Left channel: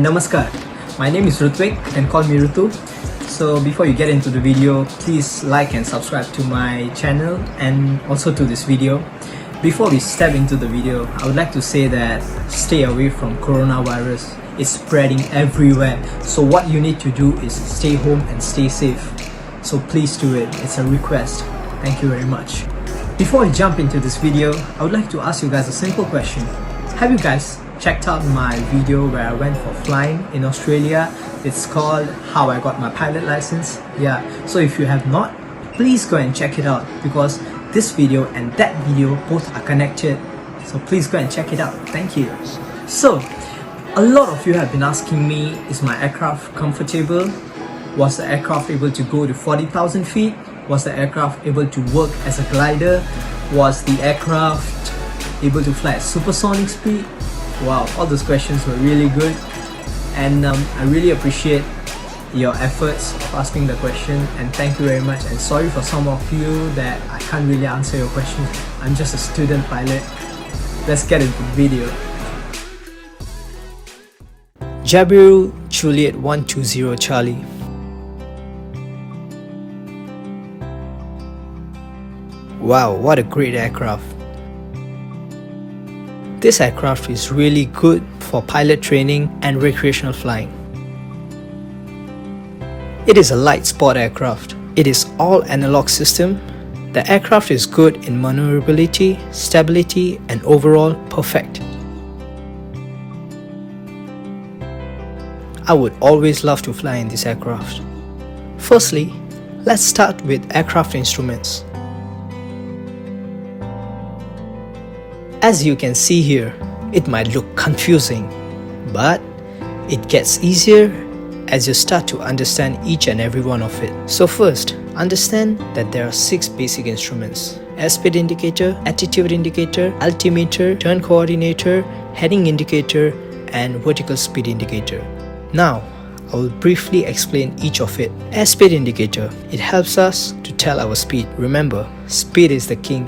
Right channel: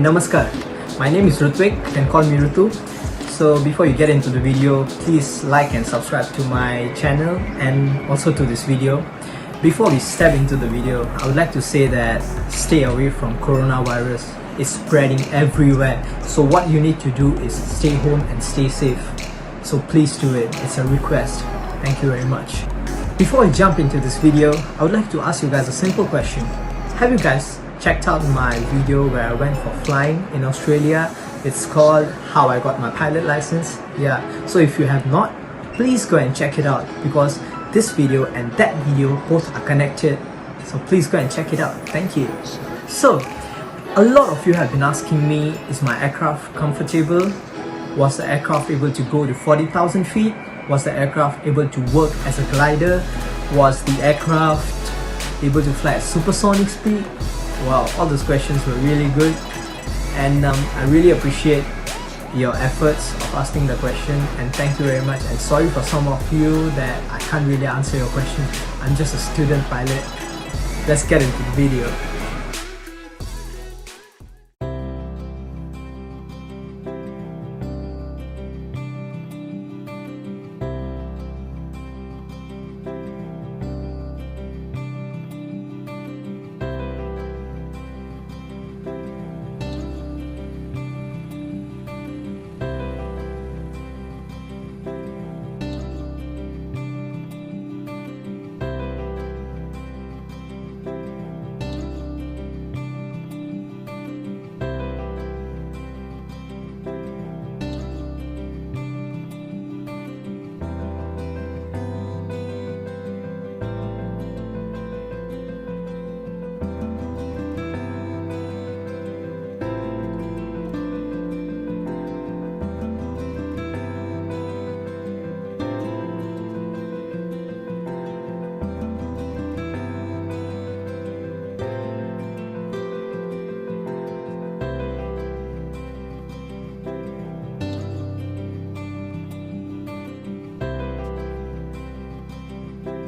and namaskar. My name is Rutvik, you can call me Rutu. So before you get into the video, please like and subscribe to my channel and also to this video. Before we step into the video, I would like to say that stay away from coronavirus. It's spreading everywhere. So what you need to do is stay home and stay safe. So please do it. It's a request. Thank you very much. Before we jump into this video, I would like to ask you guys a simple question. Have you guys checked out my video where I went for flying in Australia? It's called How I Got My Pilot License. Yeah, so if you have not, please go and check it out because this video and that video both are connected. So please go and check it out. Thank you. So, a lot of you have been asking me, is my aircraft comfortable? Was the aircraft able to go to 40,000 feet? Was the aircraft able to work as a glider? Was the aircraft able to fly at supersonic speed? Wow, all those questions were really good, and I really appreciate your efforts of asking the question, and thank you very much. And sorry for some of you that I can't really answer your questions. I'm just a student pilot. Let's get into the video. Jabiru Juliet 120 Charlie. Wow, what a great aircraft. This aircraft is really good for pilot training and recreational flying. It is a light sport aircraft. It is all analog system. The aircraft is good in maneuverability, stability, and overall perfect. I would always love to fly in this aircraft. Firstly, let's start with aircraft instruments. As you can see here, it might look confusing, but it gets easier as you start to understand each and every one of it. So first, understand that there are 6 basic instruments: airspeed indicator, attitude indicator, altimeter, turn coordinator, heading indicator, and vertical speed indicator. Now, I will briefly explain each of it. Airspeed indicator, it helps us to tell our speed. Remember, speed is the king.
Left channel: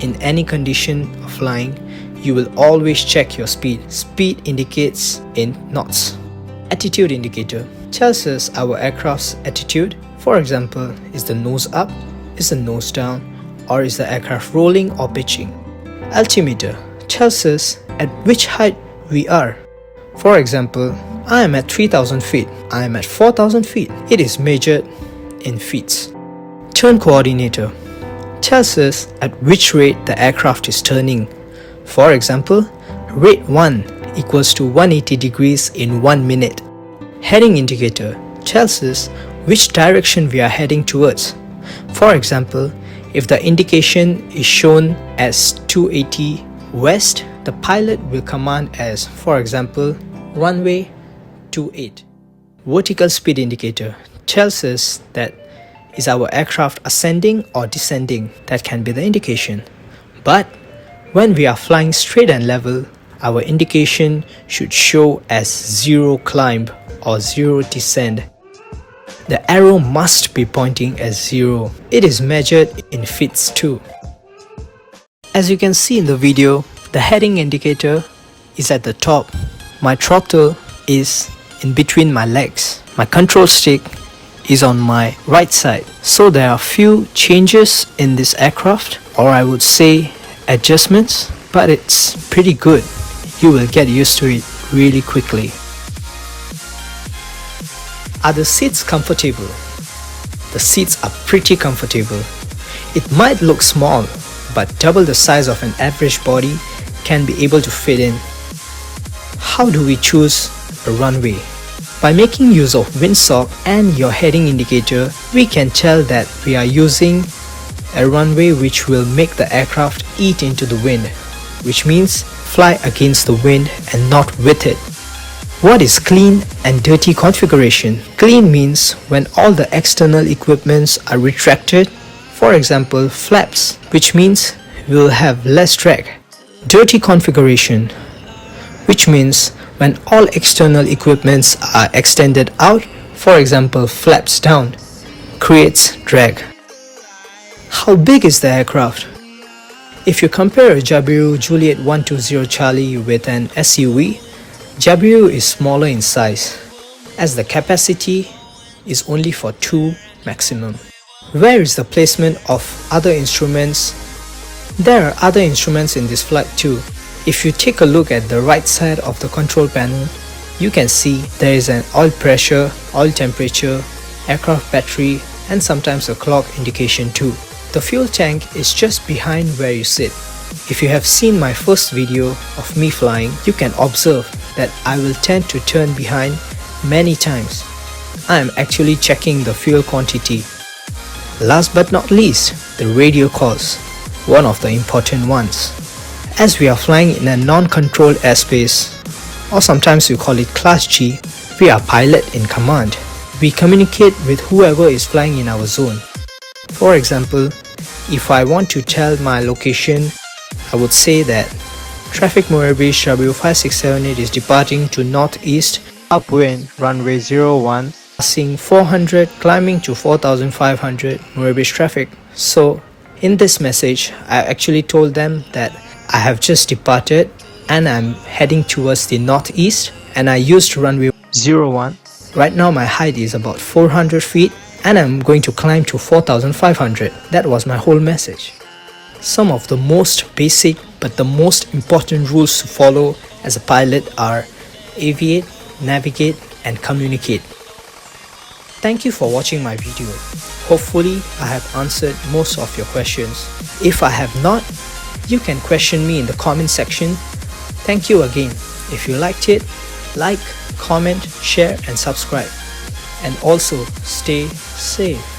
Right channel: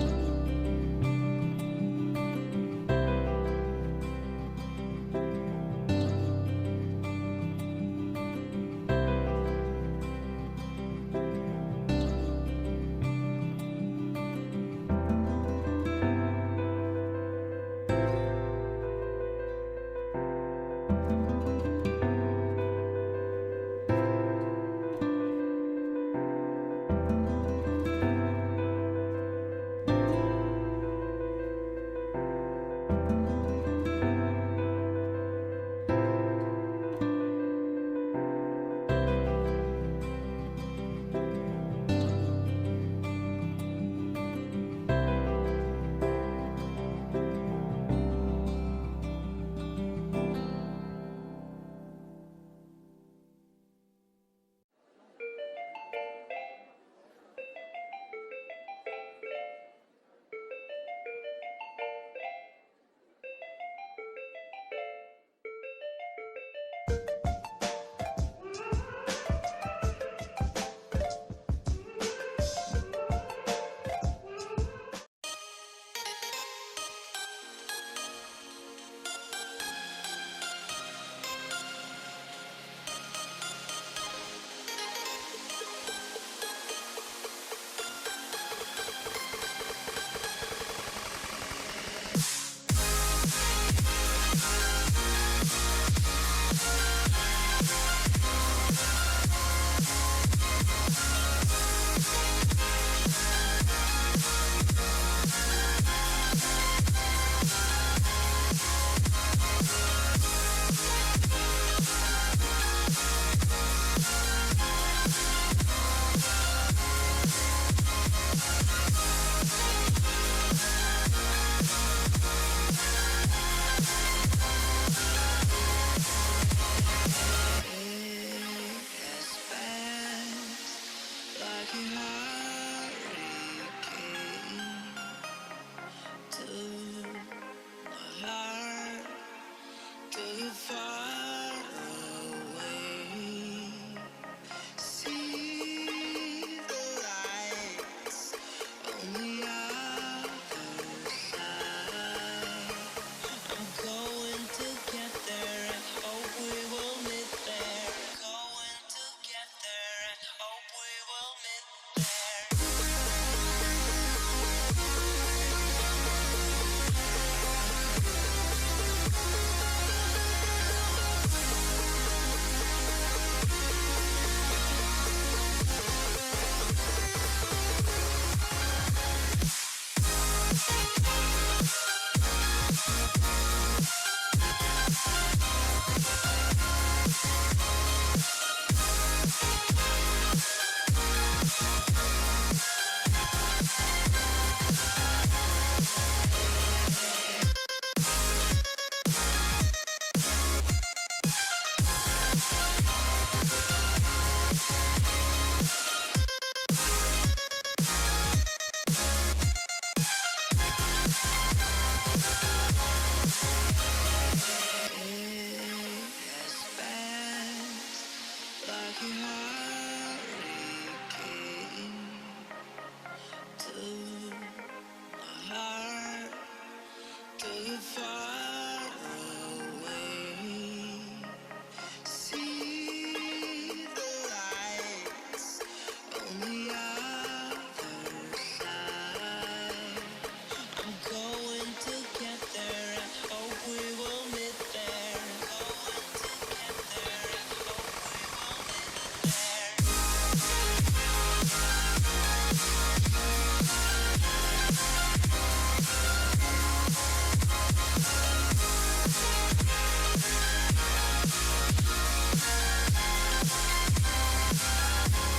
In any condition of flying, you will always check your speed. Speed indicates in knots. Attitude indicator tells us our aircraft's attitude. For example, is the nose up, is the nose down, or is the aircraft rolling or pitching. Altimeter tells us at which height we are. For example, I am at 3,000 feet, I am at 4,000 feet. It is measured in feet. Turn coordinator tells us at which rate the aircraft is turning. For example, rate 1 equals to 180 degrees in 1 minute. Heading indicator tells us which direction we are heading towards. For example, if the indication is shown as 280 west, the pilot will command as, for example, runway 28. Vertical speed indicator tells us that is our aircraft ascending or descending. That can be the indication. But when we are flying straight and level, our indication should show as 0 climb or 0 descend. The arrow must be pointing at 0. It is measured in feet too. As you can see in the video, the heading indicator is at the top. My throttle is in between my legs. My control stick is on my right side. So there are few changes in this aircraft, or I would say adjustments, but it's pretty good. You will get used to it really quickly. Are the seats comfortable? The seats are pretty comfortable. It might look small, but double the size of an average body can be able to fit in. How do we choose a runway? By making use of windsock and your heading indicator, we can tell that we are using a runway which will make the aircraft eat into the wind, which means fly against the wind and not with it. What is clean and dirty configuration? Clean means when all the external equipments are retracted, for example flaps, which means we will have less drag. Dirty configuration, which means when all external equipments are extended out, for example flaps down, creates drag. How big is the aircraft? If you compare a Jabiru Juliet 120 Charlie with an SUV, Jabiru is smaller in size as the capacity is only for 2 maximum. Where is the placement of other instruments? There are other instruments in this flight too. If you take a look at the right side of the control panel, you can see there is an oil pressure, oil temperature, aircraft battery, and sometimes a clock indication too. The fuel tank is just behind where you sit. If you have seen my first video of me flying, you can observe that I will tend to turn behind many times. I am actually checking the fuel quantity. Last but not least, the radio calls, one of the important ones. As we are flying in a non-controlled airspace, or sometimes we call it Class G, we are pilot in command. We communicate with whoever is flying in our zone. For example, if I want to tell my location, I would say that traffic Moebius Jabiru 5678 is departing to northeast, upwind runway 01, passing 400, climbing to 4500 Moebius traffic. So in this message, I actually told them that I have just departed and I'm heading towards the northeast and I used runway 01. Right now my height is about 400 feet and I'm going to climb to 4500. That was my whole message. Some of the most basic but the most important rules to follow as a pilot are aviate, navigate, and communicate. Thank you for watching my video. Hopefully I have answered most of your questions. If I have not, you can question me in the comment section. Thank you again. If you liked it, like, comment, share and subscribe. And also stay safe.